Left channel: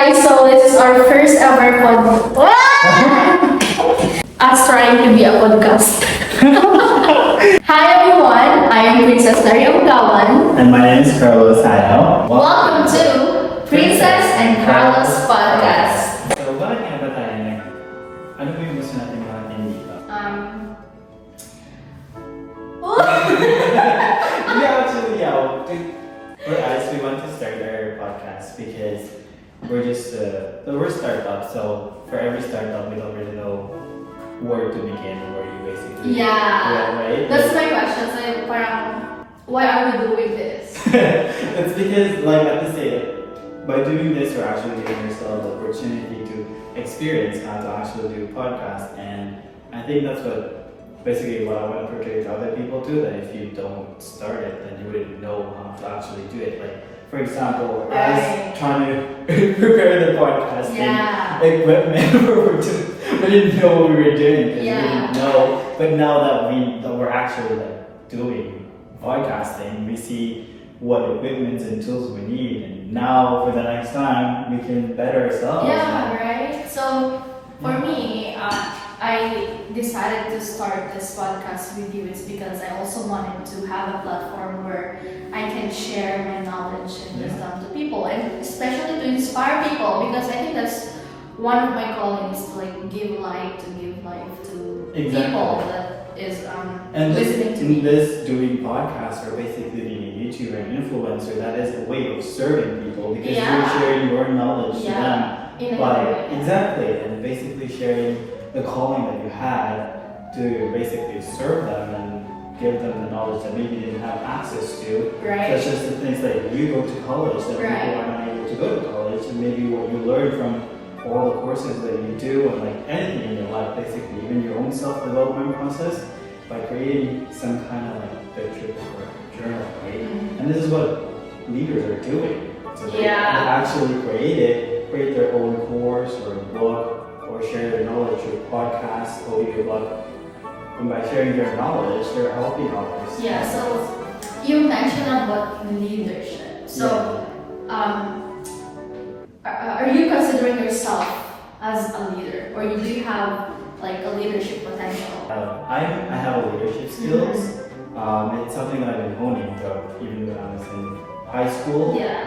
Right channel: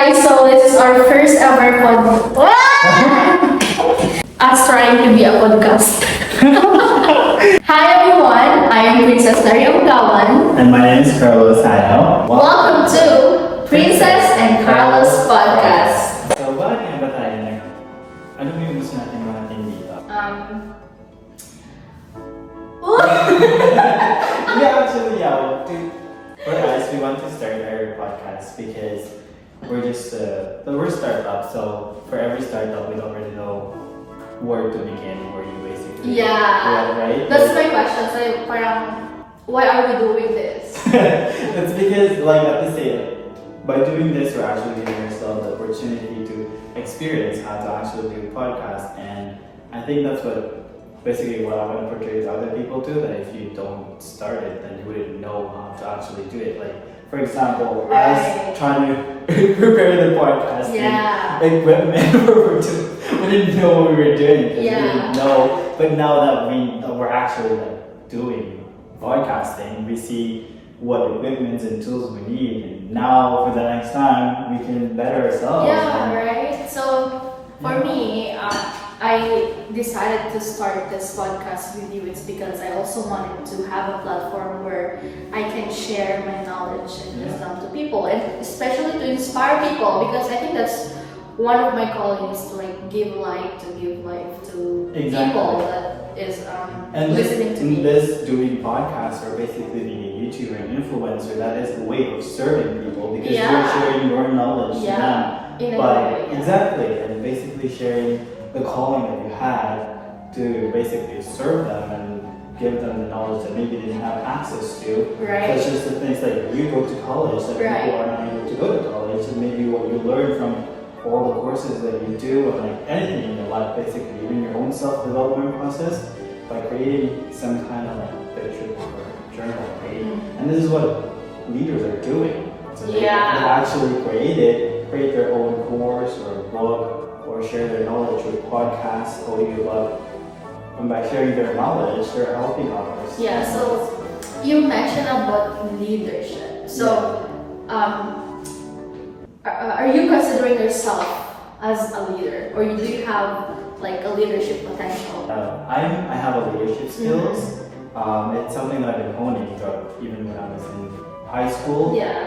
guys, so this is our first ever us trying to be a podcast. Hi everyone, I am Princess Daria Ugawan. And my name is Carlos Hano. Welcome to Princess and Carlos Podcast. So, bakit nga ba tayo ano ba yung gusto natin gawin dito? Yeah, actually, yeah. For us, we want to start our podcast because we're just we're a startup. So for every startup, we don't really know where to begin, where you basically right? That's my question. So parang, why are we doing this? It's because at the same, by doing this, we're actually giving ourselves the opportunity to experience how to actually do podcasts, and I think that's basically what I want to portray to other people too, that if you don't start it, then you wouldn't know how to actually do it. Like, for example, I was trying to prepare the podcast equipment, we didn't know what we were doing, because we didn't know, but now that we're actually doing podcasting, we see what equipment and tools we need, and now for the next time, we can better ourselves. Yeah, right? So, for me, I decided to start this podcast with you. It's because I also wanted to have a platform where I can share my knowledge and wisdom to people, and especially to inspire people, because I think that's one of my callings, to give life to people that is listening to me. This doing podcasts or basically being a YouTuber and influencer, that is a way of serving people, because you're sharing your knowledge to them. Exactly, and basically sharing the calling that you had to basically serve them and give them the knowledge that maybe they didn't have access to. Right. Such as the things that you go to college that people are not able to go to college, and maybe what you learn from all the courses that you do, and anything in your life, basically, even your own self-development process, by creating some kind of picture or journal, right? And this is what leaders are doing. So they actually create their own course or book, or share their knowledge with podcasts, audiobook, and by sharing their knowledge, they're helping others. Yeah, so you mentioned about leadership. So, are you considering yourself as a leader, or do you have a leadership potential? I have a leadership skills. It's something I've been honing throughout, even when I was in high school. Yeah.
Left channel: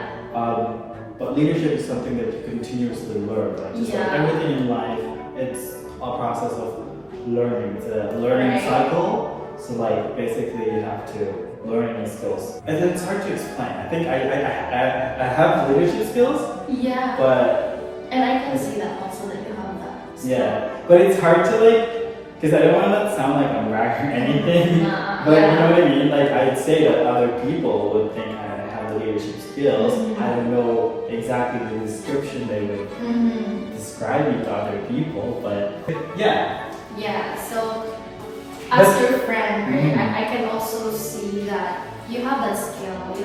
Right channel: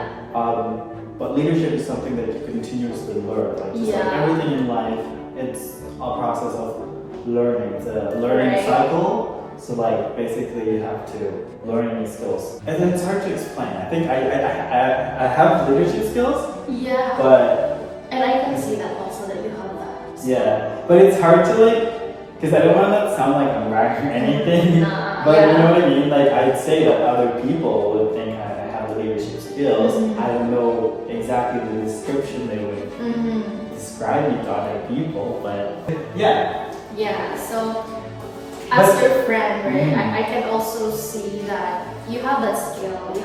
But leadership is something that you continuously learn. Everything in life, it's a process of learning. It's a learning cycle. So basically you have to learn new skills. And then it's hard to explain. I think I have leadership skills. Yeah. And I can see that also, that you have that. So. Yeah. But it's hard to because I don't want to sound like I'm bragging or anything. But you know what I mean? I'd say that other people would think I have leadership skills. I don't know exactly the description they would describe me to other people, but yeah, so as your friend, right, I can also see that you have that skill of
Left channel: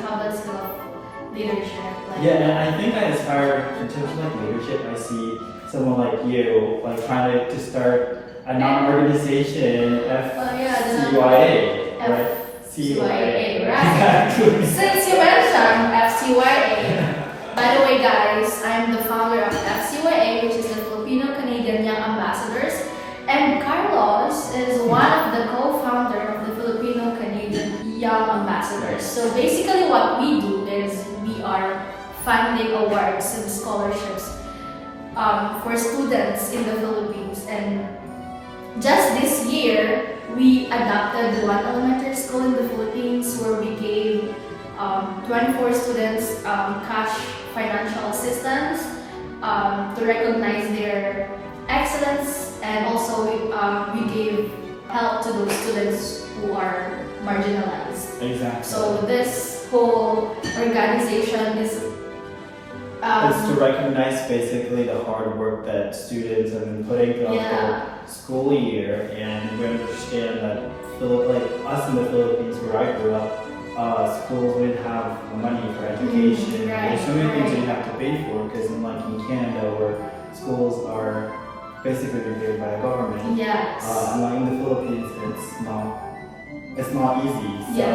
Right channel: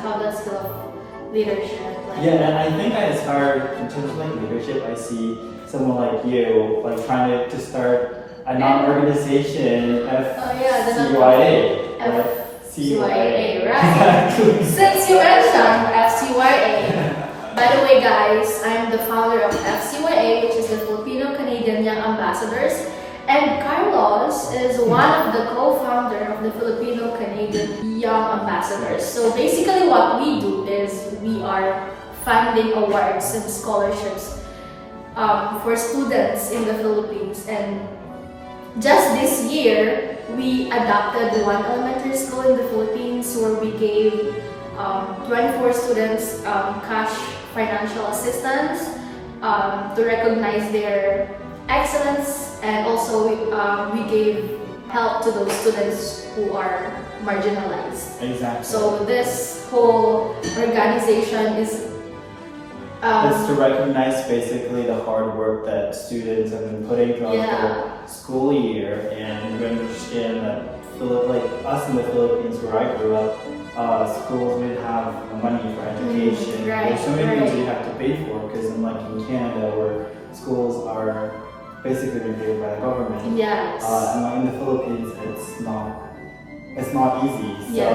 leadership. And I think I aspire, in terms of leadership, I see someone like you, trying to start a non-organization, FCYA, right? Since you mentioned FCYA, by the way guys, I'm the founder of FCYA, which is the Filipino-Canadian Young Ambassadors, and Carlos is one of the co-founder of the Filipino-Canadian Young Ambassadors. So basically what we do is we are funding awards and scholarships for students in the Philippines, and just this year, we adopted one elementary school in the Philippines where we gave 24 students cash financial assistance to recognize their excellence, and also we gave help to those students who are marginalized. Exactly. So this whole organization is it's to recognize basically the hard work that students have been putting throughout the school year, and we understand that us in the Philippines, where I grew up, schools didn't have money for education. There's so many things you have to pay for, because unlike in Canada, where schools are basically paid by the government, and in the Philippines, it's not easy.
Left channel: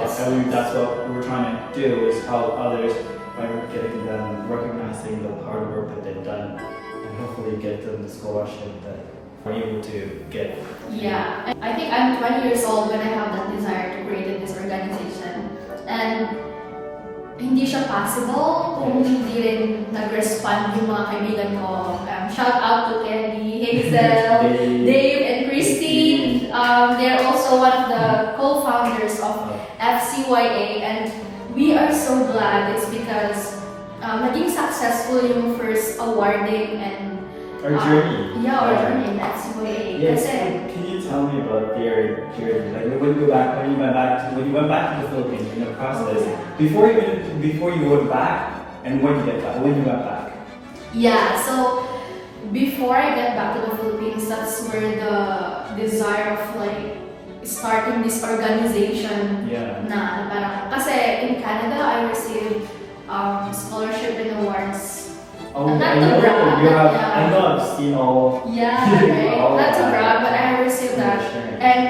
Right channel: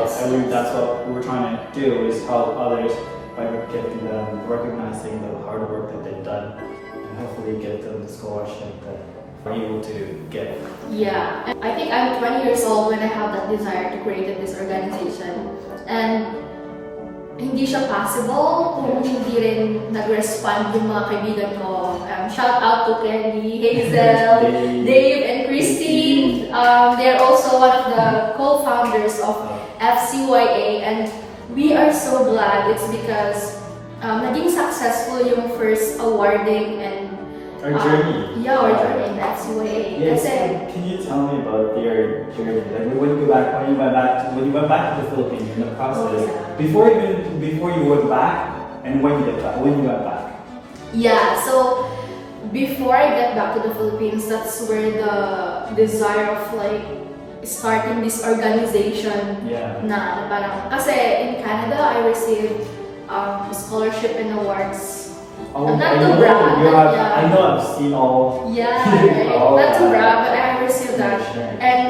So I think that's what we're trying to do, is help others by getting them, recognizing the hard work that they've done, and hopefully get them the scholarship that we're able to get. Yeah, and I think I'm 20 years old when I have that desire to create this organization. And hindi siya possible kung hindi rin nag-respond yung mga kaibigan ko. Shout out to Kelly, Hazel, Dave, and Christine. They are also one of the co-founders of FCYA, and we are so glad it's because naging successful yung first awarding and Our journey. Yeah, our journey in FCYA. Yes. Kasi, Can you tell me about your journey? Like when you went back to the Philippines in the process, before you went back and when you went back. yeah, so before I get back to the Philippines, that's where the desire of like starting this organization Yeah. na parang, kasi in Canada, I received scholarship and awards. Oh, Not I to know, brag, you have, yeah. I know I've seen all. Yeah, right? Oh, Not to wow. brag, but I have received that. Sharing. And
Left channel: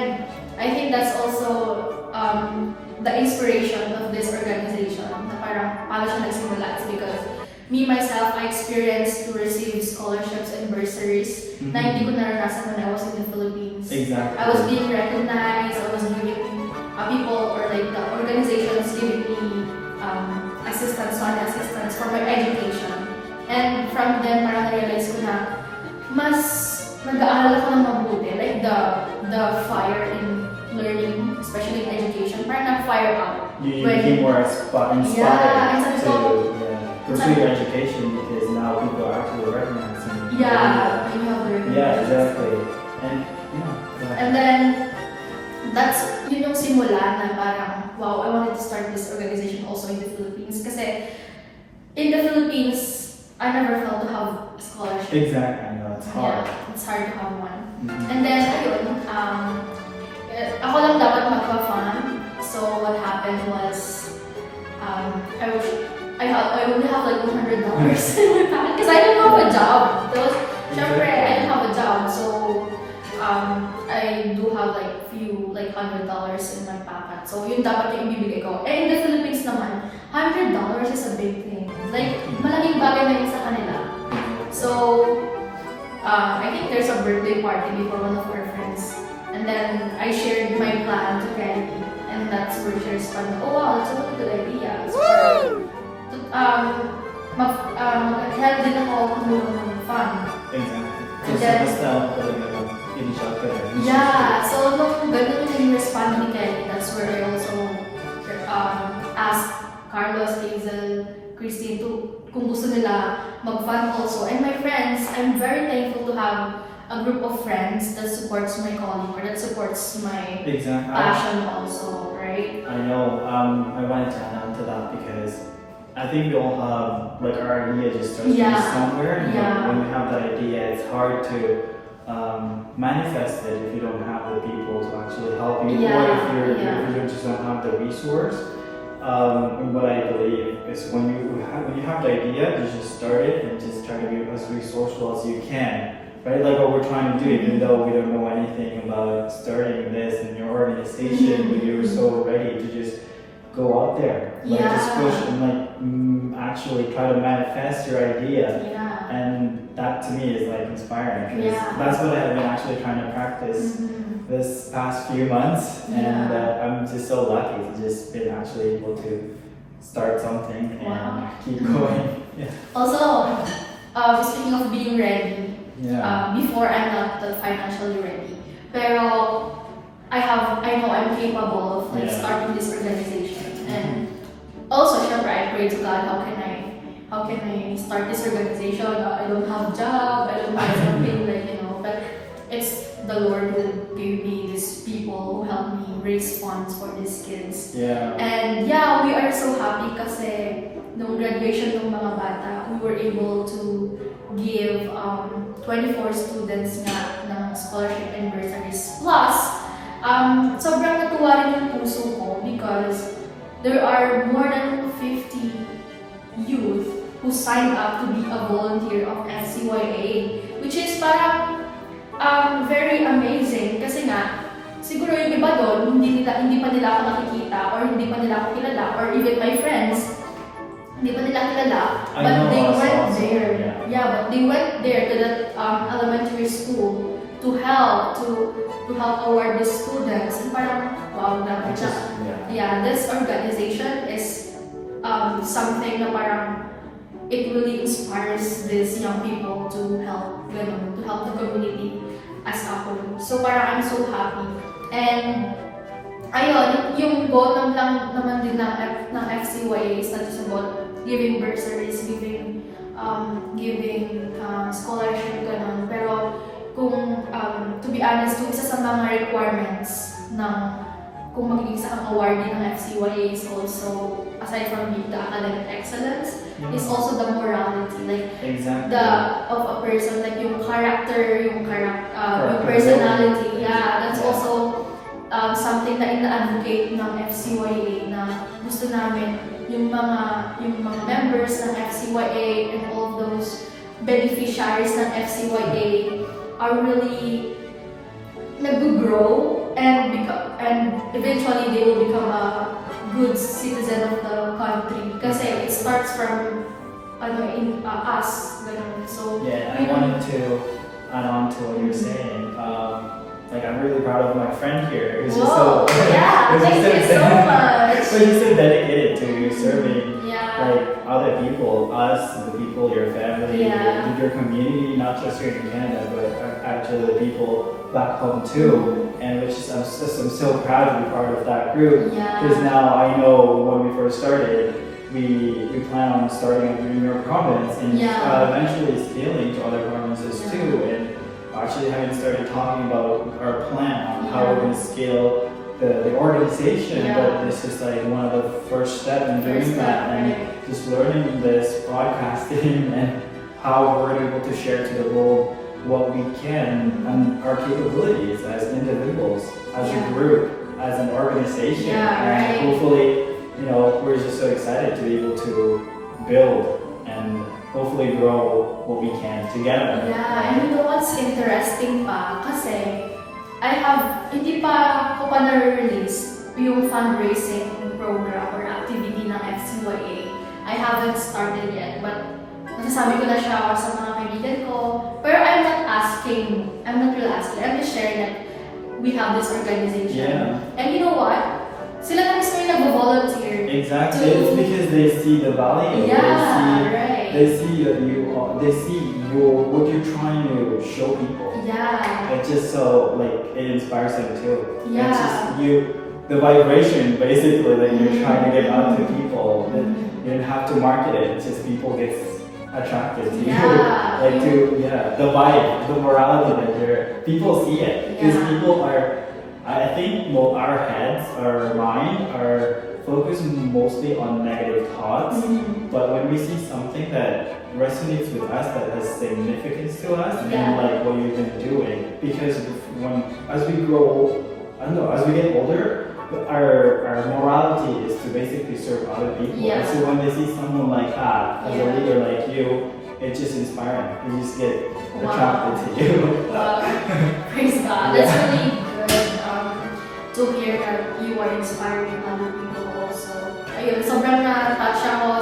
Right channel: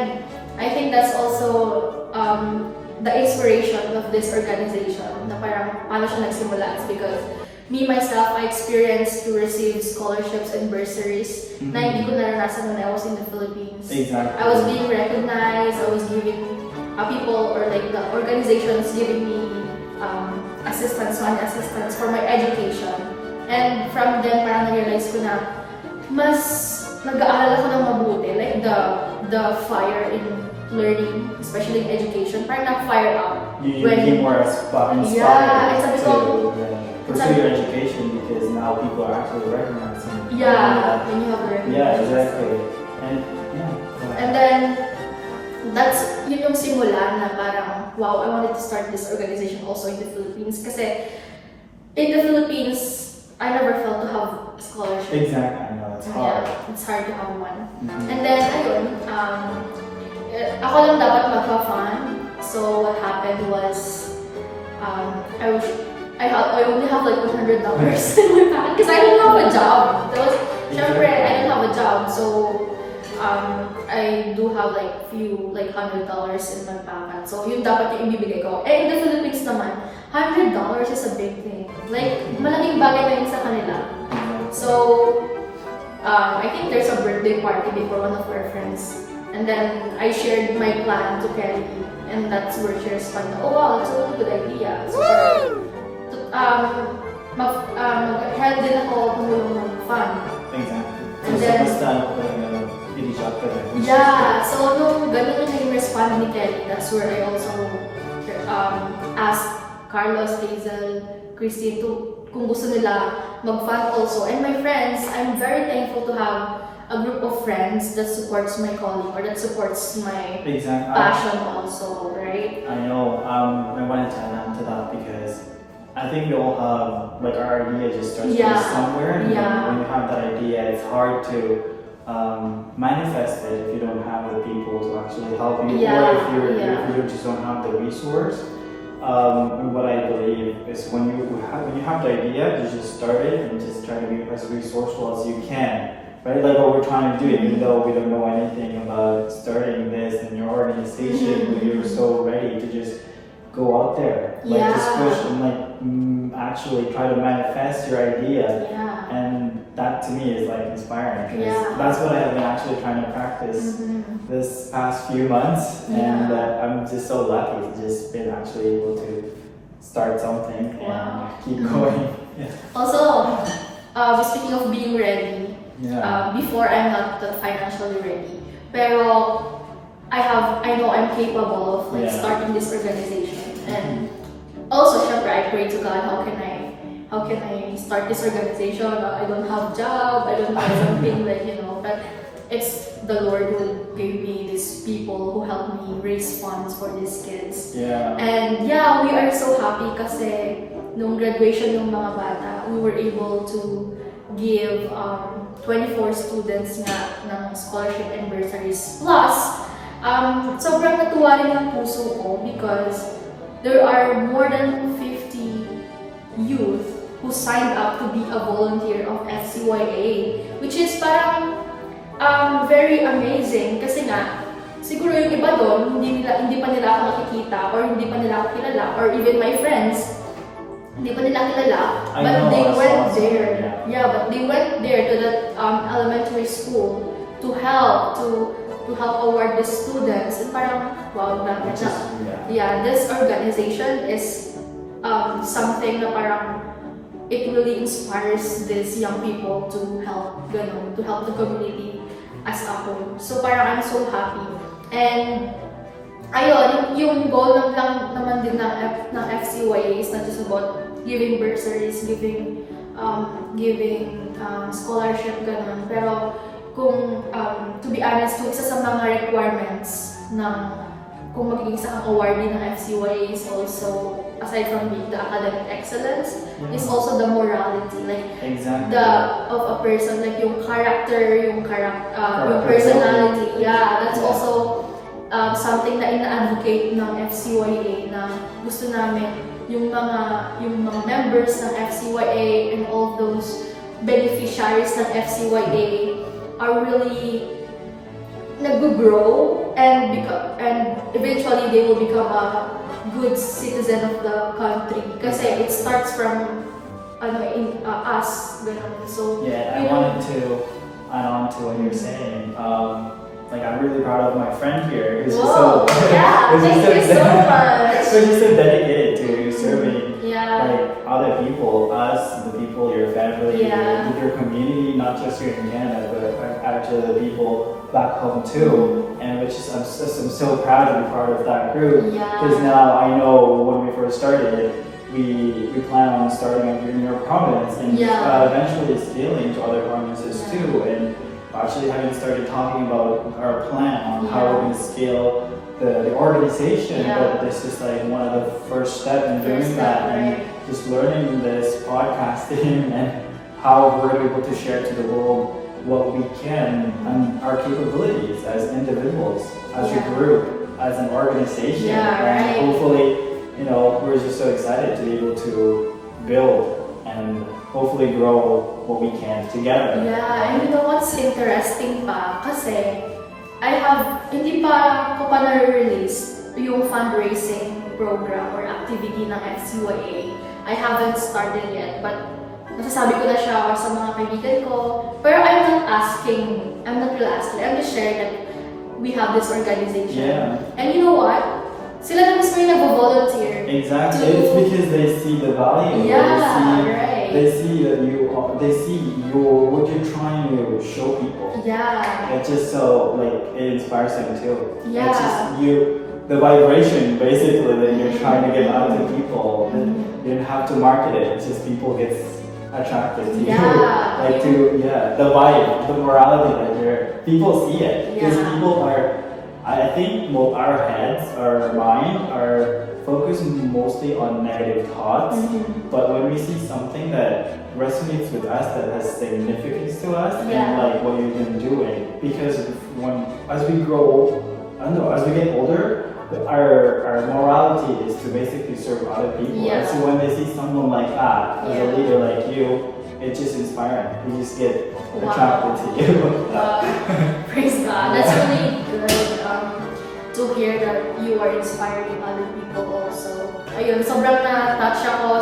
I think that's also the inspiration of this organization na parang paano siya nagsimula. It's because me myself, I experienced to receive scholarships and bursaries na hindi ko naranasan when I was in the Philippines. Exactly. I was being recognized, I was giving people or like the organizations giving me money assistance for my education. And from then, parang na-realize ko na mas nag-aaral ako ng mabuti. Like the fire in learning, especially in education, parang na-fire out. You when- became more inspired Yeah, and sabi to ko- pursue your education because now people are actually recognizing. Yeah, when you have a Yeah, recognition. exactly. And yeah. And then, yun yung simula na parang, wow, I wanted to start this organization also in the Philippines. Kasi in the Philippines, I never felt to have a scholarship. Exactly, I know it's hard. Yeah, it's hard to have one. Mhm. And then, ayun, ako lang dapat magpa-fund. So, what happened was, I only have like $100 in my bank because I didn't have a job. Syempre, I didn't have a job. So, I do have like few like $100 in my pocket. So, yun dapat yung ibibigay ko. Eh, in the Philippines naman, $100 is a big thing. Like, malaking bagay na yun sa kanila. So, I think there's a birthday party before one of our friends. And then I shared my plan to Kelly. And that's where she responded, oh wow, that's a really good idea. So, mag-help din ako tumulong mag-fund. Exactly. So, And then- basta initial ka rin. Yeah, so nung ganun yung naging respond ni Kelly, that's where I also asked Carlos, Hazel, Christine kung gusto nila mag-fund also. And my friends, I'm very thankful to have a group of friends that supports my calling or that supports my Exactly. passion also, right? I know. I wanted to add on to that because I think we all have like our idea just starts Yeah. somewhere. And Yeah. when you have that idea, it's hard to manifest it if you don't have the people to actually help you, Yeah, or if yeah. you just don't have the resource. And what I believe is when you have the idea, you just start it and just try to be as resourceful as you can. Right, like what we're trying to do, even though we don't know anything about starting this in your organization, you're so ready to just go out there, like just Yeah. push and like actually try to manifest your idea. Yeah. And that to me is like inspiring because Yeah. that's what I have been actually trying to practice Mhm. this past few months, and Yeah. I'm just so lucky to just been actually able to start something Wow. and keep going. Also, speaking of being ready, Yeah. before I'm not that financially ready. Pero I know I'm capable of like Yeah. starting this organization. And also, syempre, I pray to God, how can I start this organization? I don't have job, I don't have something like, but it's the Lord who gave me these people who helped me raise funds for these kids. Yeah. And yeah, we are so happy kasi nung graduation ng mga bata, we were able to give 24 students nga ng scholarship and bursaries. Plus, sobrang natuwa rin yung puso ko because there are more than 50 youth who signed up to be a volunteer of FCYA, which is parang very amazing kasi nga siguro yung iba doon hindi pa nila ako nakikita or hindi pa nila ako kilala or even my friends hindi pa nila kilala, I but know, they I saw went some, there. yeah. Yeah, but they went there to that elementary school to help award the students. And parang, wow, grabe. Which is, Yeah, this organization is something na parang it really inspires these young people to help, ganun, to help the community as a whole. So parang I'm so happy. And ayun, yung goal lang naman din ng FCYA is not just about giving bursaries, giving scholarship, ganun. Pero kung, to be honest, kung isa sa mga requirements ng kung magiging isa kang awardee ng FCYA is also, aside from being the academic excellence, is also the morality, like exactly. of a person, like yung character, yung personality. Yeah, that's also something na ina-advocate ng FCYA na gusto namin yung mga members ng FCYA and all of those beneficiaries ng FCYA are really nag-grow and eventually they will become a good citizen of the country kasi it starts from us, ganun. So yeah, I wanted to add on to what you're saying. Like I'm really proud of my friend here. Who's just so yeah, thank you so much. So you're so dedicated to serving Yeah. like other people, us, the people, your family, Yeah. your community, not just here in Canada, but actually the people back home too. And which is I'm so proud to be part of that group. Yeah. Because now I know when we first started, we plan on starting in your province and Yeah. eventually scaling to other provinces Yeah. too. And actually having started talking about our plan on how we're going to scale the organization, Yeah. but this is like one of the first steps in doing First that, step, and right. just learning this podcasting and how we're able to share to the world what we can and our capabilities as individuals, as a Yeah. group, as an organization, Yeah, and right. hopefully, we're just so excited to be able to build and hopefully grow what we can together. Yeah, and you know what's interesting pa? Kasi hindi pa ko pa na-release yung fundraising program or activity ng FCYA. I haven't started yet, but nasasabi ko na siya sa mga kaibigan ko. Pero I'm not really asking, I'm just sharing that we have this organization. Yeah. And you know what? Sila na mismo yung nag-volunteer. Exactly. To- It's because they see the value. Yeah, right. They see that what you're trying to show people. Yeah. It's just so it inspires them too. Yeah. It's just the vibration basically that you're trying to get out to people. Mhm. You don't have to market it. It's just people get attracted to Yeah. you. The vibe, the morality that people see it. Because Yeah. people are, I think our heads, our mind are focused mostly on negative thoughts. Mhm. But when we see something that resonates with us, that has significance to us, Yeah. and like what you've been doing, because as we grow, as we get older, our morality is to basically serve other people. Yeah. And so when they see someone like that, as a Yeah. leader like you, it's just inspiring. You just get Wow. attracted to you. Wow. Praise God. That's really good to hear that you are inspiring other people also. Ayun, sobrang na-touch ako,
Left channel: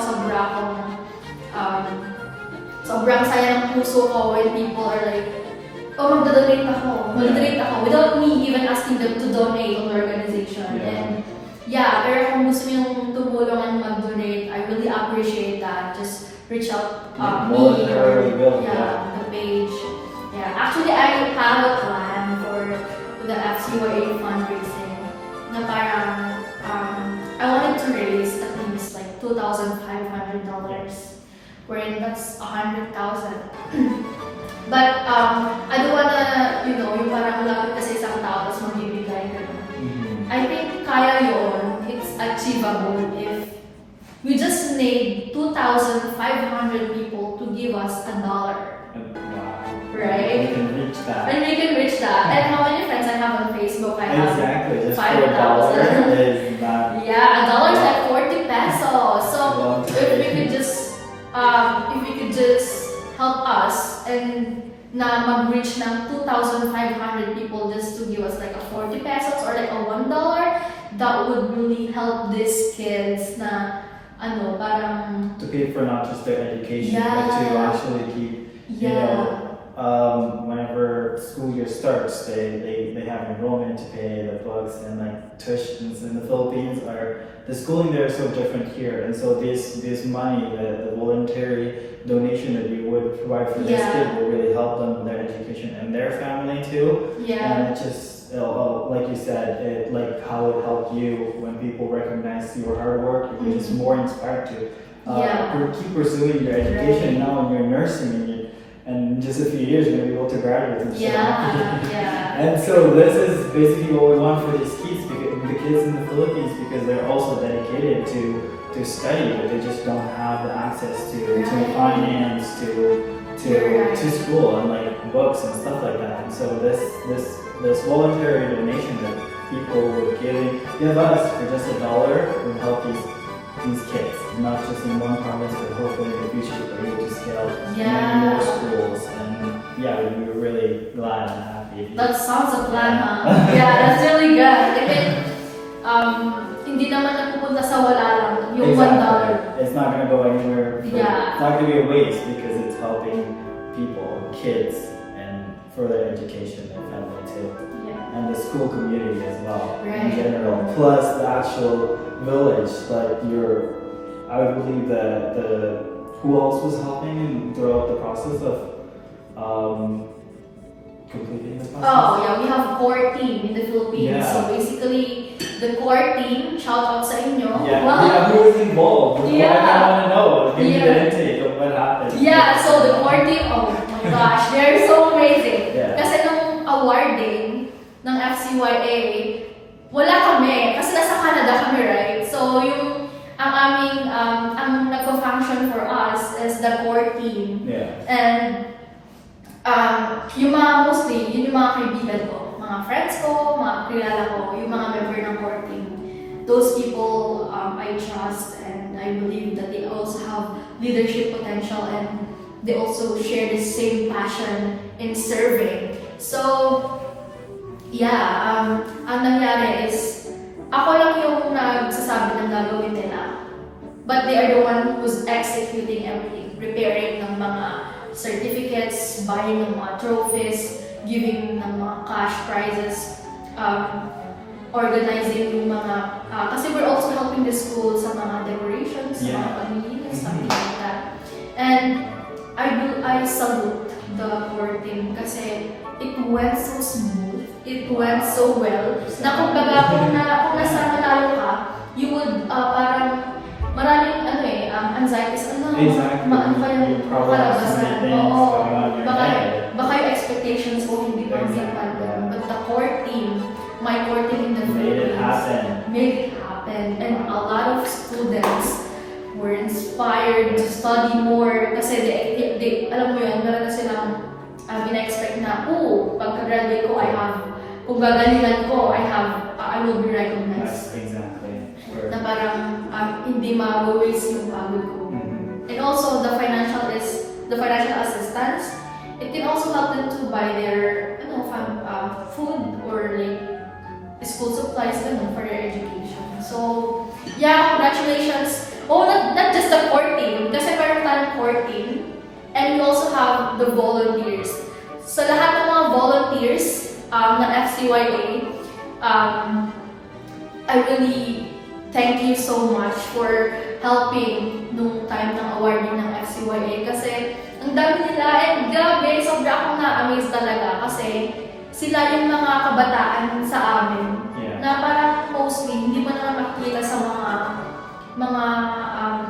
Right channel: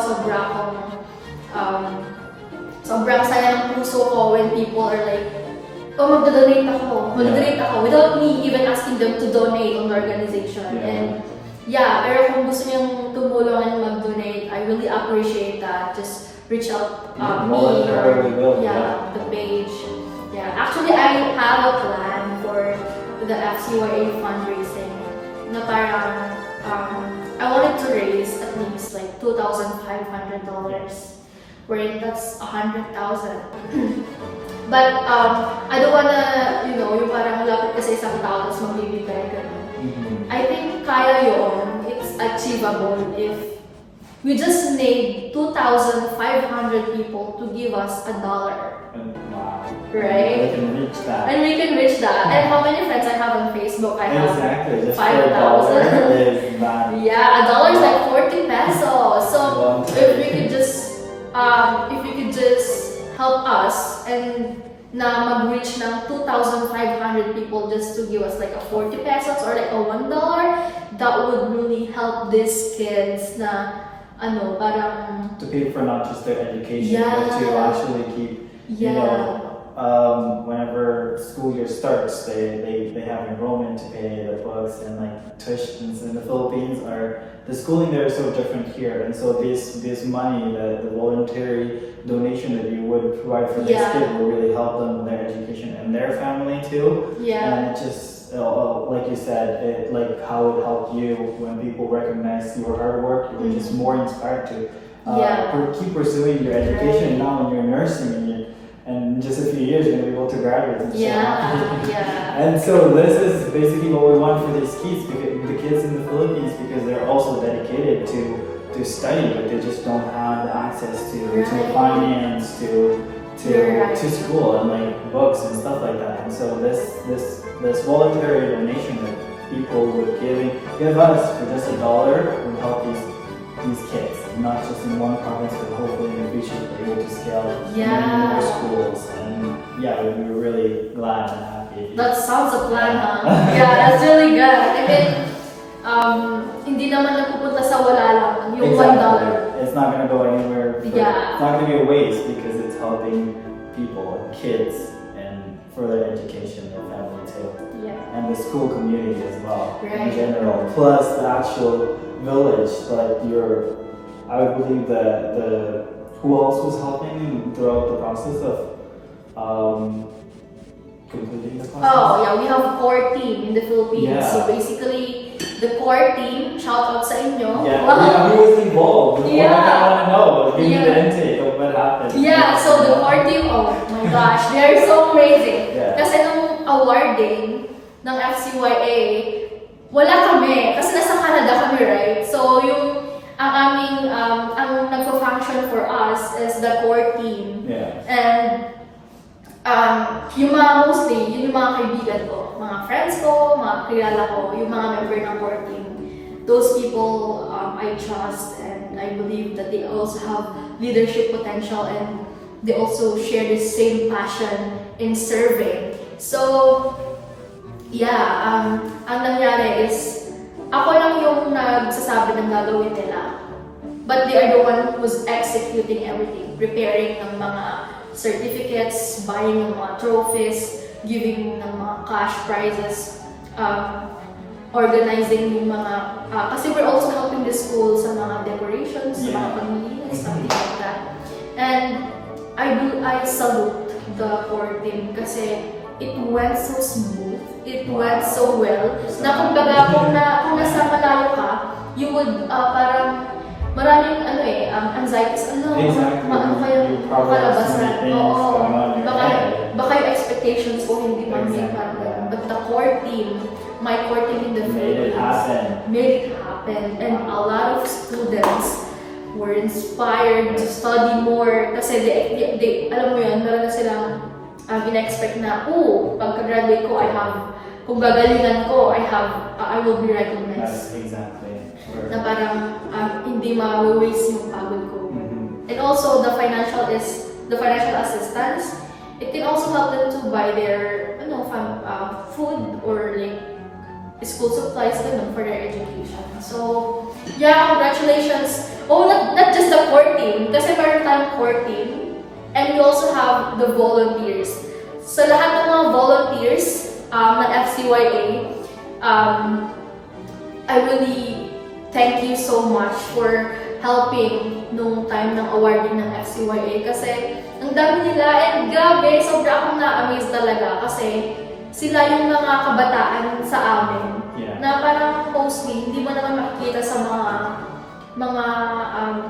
sobrang saya ng puso ko when people are like, oh, magdodonate ako without me even asking them to donate on the organization. Yeah. And yeah, pero kung gusto niyong tumulong and mag-donate, I really appreciate that. Just reach out me or Voluntarily will, yeah. the page. Yeah, actually I have a plan for the FCYA fundraising na parang I wanted to raise at least like $2,500, wherein that's 100,000. But I don't wanna, yung parang lapit ka sa isang tao tapos magbibigay ka. I think kaya yun, it's achievable if we just need 2,500 people to give us $1. And, wow. Right? We can reach that. And we can reach that. And how many friends I have on Facebook? I have Exactly. Just 5,000. is not. Yeah, $1 is like 40 pesos. So Wow. if we could just help us and na mag-reach ng 2,500 people just to give us like a 40 pesos or like a $1, that would really help these kids na parang, To pay for not just their education, but to Yeah. actually keep, yeah. you know, whenever school year starts, they have enrollment to pay, the books and like tuitions in the Philippines the schooling there is so different here, and so this money, the voluntary donation that you would provide for this Yeah. kid will really help them with their education and their family too. Yeah. And it just, like you said, like how it helped you when people recognize your hard work, you're just more inspired to Yeah. keep pursuing your education. Now when you're nursing and in just a few years you're gonna be able to graduate and Yeah, yeah. And so this is basically what we want for these kids, because the kids in the Philippines, because they're also dedicated to study, but they just don't have the access to Right. finance, You're right. to school and like books and stuff like that. And so this voluntary donation that people would give us for just $1 would help these kids, not just in one province, but hopefully in the future they're able to scale Yeah. more schools. And yeah, we were really glad and happy. That sounds a plan, huh? Yeah, that's really good. I mean, hindi naman napupunta sa wala lang yung $1. Exactly. It's not gonna go anywhere. Yeah. It's not gonna be a waste because it's helping people, kids, and for their education, their family too. Yeah. And the school community as well in Right. general, plus the actual village. Like I would believe the who else was helping throughout the process of completing the process? Oh, yeah, we have core team in the Philippines. Yeah. So basically, the core team, shout out sa inyo. Yeah, Wow. who was involved? Yeah. I want to know. Give me Yeah. the intake of what happened. Yeah, so the core team, oh my gosh, they're so amazing. Yeah. Kasi nung awarding ng FCYA, wala kami. Kasi nasa Canada kami, right? So ang aming, ang nagpa-function for us is the core team. Yeah. And yung mga mostly, yun yung mga kaibigan ko, mga friends ko, mga kilala ko, yung mga member ng core team. Those people I trust and I believe that they also have leadership potential and they also share the same passion in serving. So, yeah, ang nangyari is, ako lang yung nagsasabi ng gagawin nila. But they are the one who's executing everything, preparing ng mga certificates, buying ng mga trophies, giving ng mga cash prizes, organizing yung mga, kasi we're also helping the school sa mga decorations, sa mga pamilihan, something like that. And I salute the core team kasi it went so smooth, it went so well, na kumbaga kung nasa malayo ka, you would parang maraming anxieties, Exactly. ano kayang makalabasan. Oo. Going on in your Baka head. yung expectations ko hindi ma-meet Exactly. But the core team, my core team in the Made it Philippines, happen. made it happen. And a lot of students were inspired to study more kasi they alam mo yun, meron na silang in-expect na, pagka-graduate ko, kung gagalingan ko, I will be recognized. Yes, exactly. Na parang hindi ma-waste yung pagod ko. And also the financial assistance. It can also help them to buy their food or like school supplies for their education. So yeah, congratulations. Oh, not just the core team, kasi meron tayong core team, and we also have the volunteers. Sa lahat ng mga volunteers ng FCYA, I really thank you so much for helping nung time ng awarding ng FCYA kasi ang dami nila and grabe, sobra akong na-amaze talaga kasi sila yung mga kabataan sa amin na parang mostly hindi mo naman makikita sa mga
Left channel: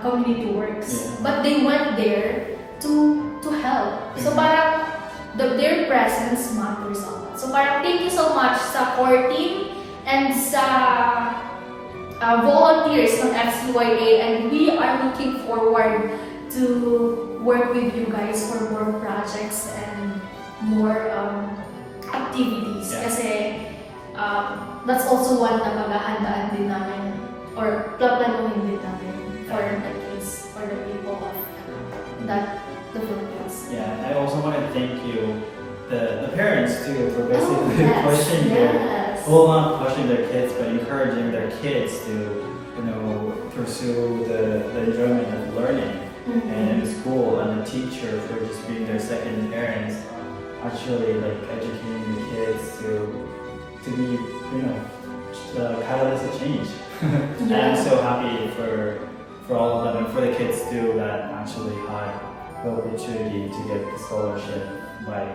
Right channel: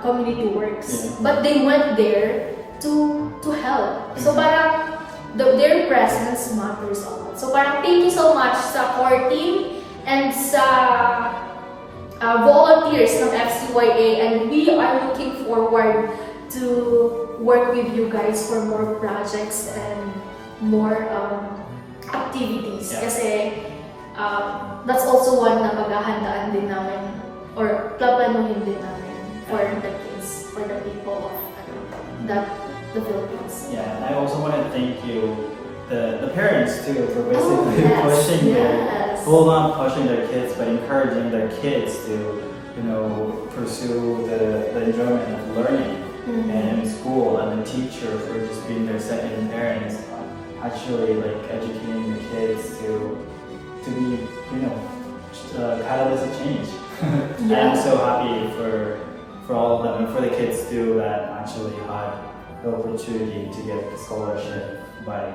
community works, but they went there to help. So parang their presence matters a lot. So parang thank you so much sa core team and sa volunteers ng FCYA, and we are looking forward to work with you guys for more projects and more activities. Yeah. Kasi that's also one na paghahandaan din namin or plaplanuhin din namin for the kids, for the people of the Philippines. Yeah, I also want to thank you, the parents too, for basically yes, pushing yes. well, not pushing their kids, but encouraging their kids to pursue the enjoyment of learning and in school, and the teachers were just being their second parents, actually like educating the kids to be, catalysts of change. And I'm so happy for all of them and for the kids too that actually had the opportunity to get the scholarship by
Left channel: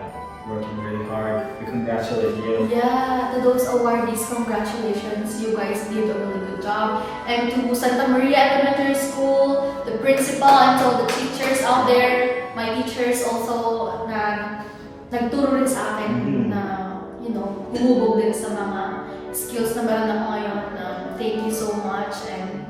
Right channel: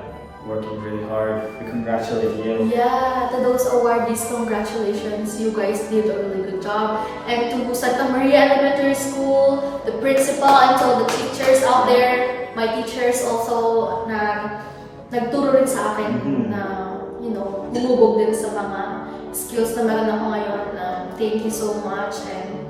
working really hard. We congratulate you. Yeah, to those awardees, congratulations. You guys did a really good job. And to Santa Maria Elementary School, the principal, and to all the teachers out there, my teachers also na nagturo rin sa akin na, humubog din sa mga skills na meron ako ngayon. Thank you so much. And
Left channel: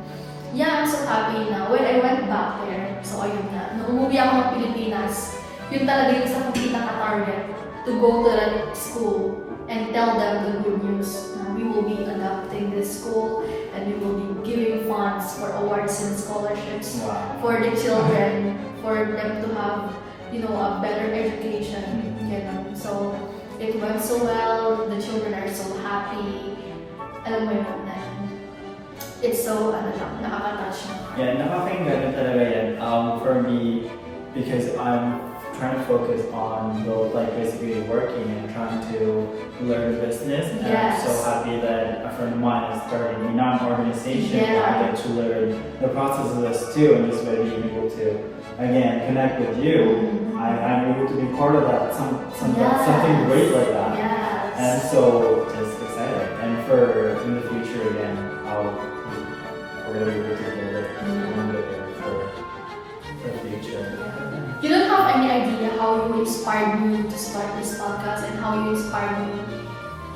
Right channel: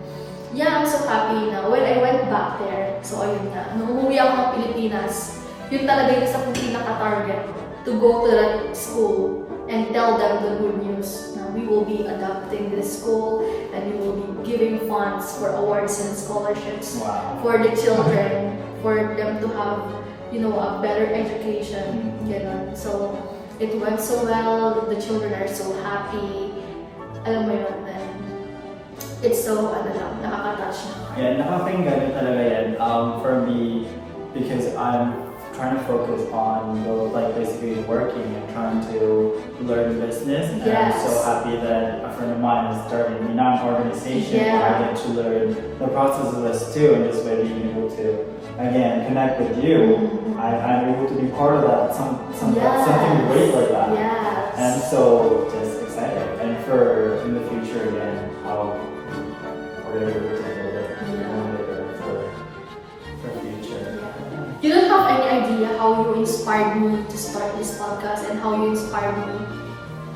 yeah, I'm so happy na when I went back there, so ayun nga, nung umuwi ako ng Pilipinas, yun talaga yung isa kong pinaka-target, to go to that school and tell them the good news. Now, we will be adopting this school and we will be giving funds for awards and scholarships for the children, for them to have, a better education. So, it went so well, the children are so happy. Alam mo yun, it's so, nakaka-touch na. Yeah, nakakinggan talaga yan. For me, because I'm trying to focus on basically working and trying to learn business. And I'm so happy that a friend of mine is starting a non-organization where I get to learn the process of this too, and this way being able to again connect with you. I'm able to be part of that, something great like that. Yes. And so just excited. And for in the future again, how we're gonna be able to build it for the future. You don't have any idea how you inspired me to start this podcast and how you inspired me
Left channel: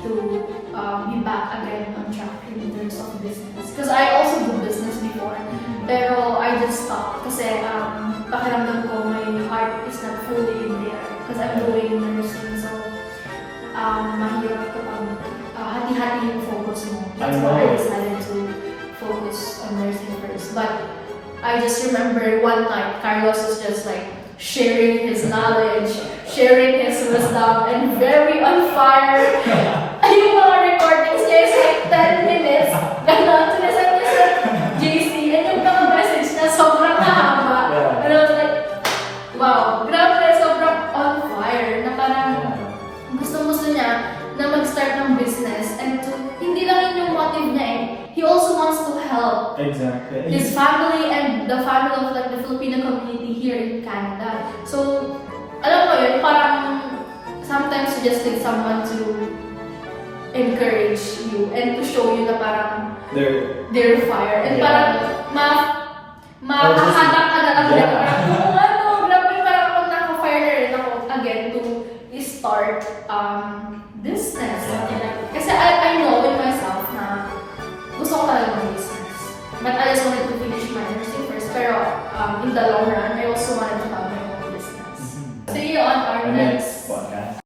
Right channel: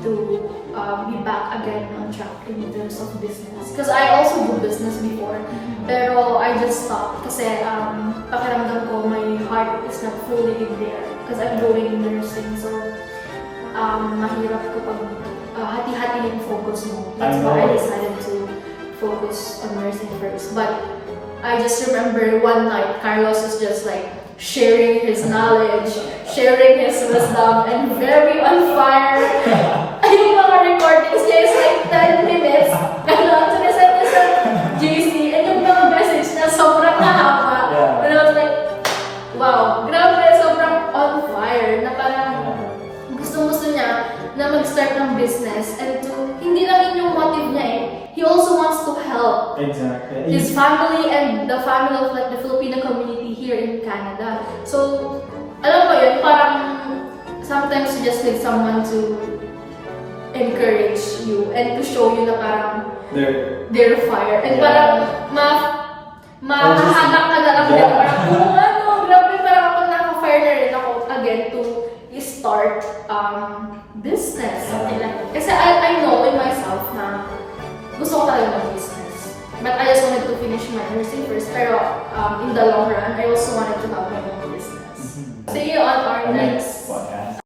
to be back again on track in terms of business. Because I also do business before, pero I just stopped kasi pakiramdam ko my heart is not fully in there because I'm doing nursing, so mahirap kapag hati-hati yung focus mo. That's why I decided to focus on nursing first. But I just remember one night, Carlos was just like sharing his knowledge, sharing his wisdom, and very on fire. Yung mga recordings niya is like 10 minutes. Ganon, sinisend niya sa GC, and yung mga message niya sobrang nahaba. And I was like, wow, grabe, sobrang on fire. Na parang gusto niya na mag-start ng business, and hindi lang yun yung motive niya eh. He also wants to help his family and the family of the Filipino community here in Canada. So, alam mo yun, parang sometimes you just need someone to encourage you and to show you na parang they're fire. And parang mahahanak ka na lang din. Parang, grabe, parang ako naka-fire na rin ako again to start business. Kasi I know in myself na gusto ko talaga mag-business. But I just wanted to finish my nursing first. Pero in the long run, I also wanted to have my own business. See you on our next podcast.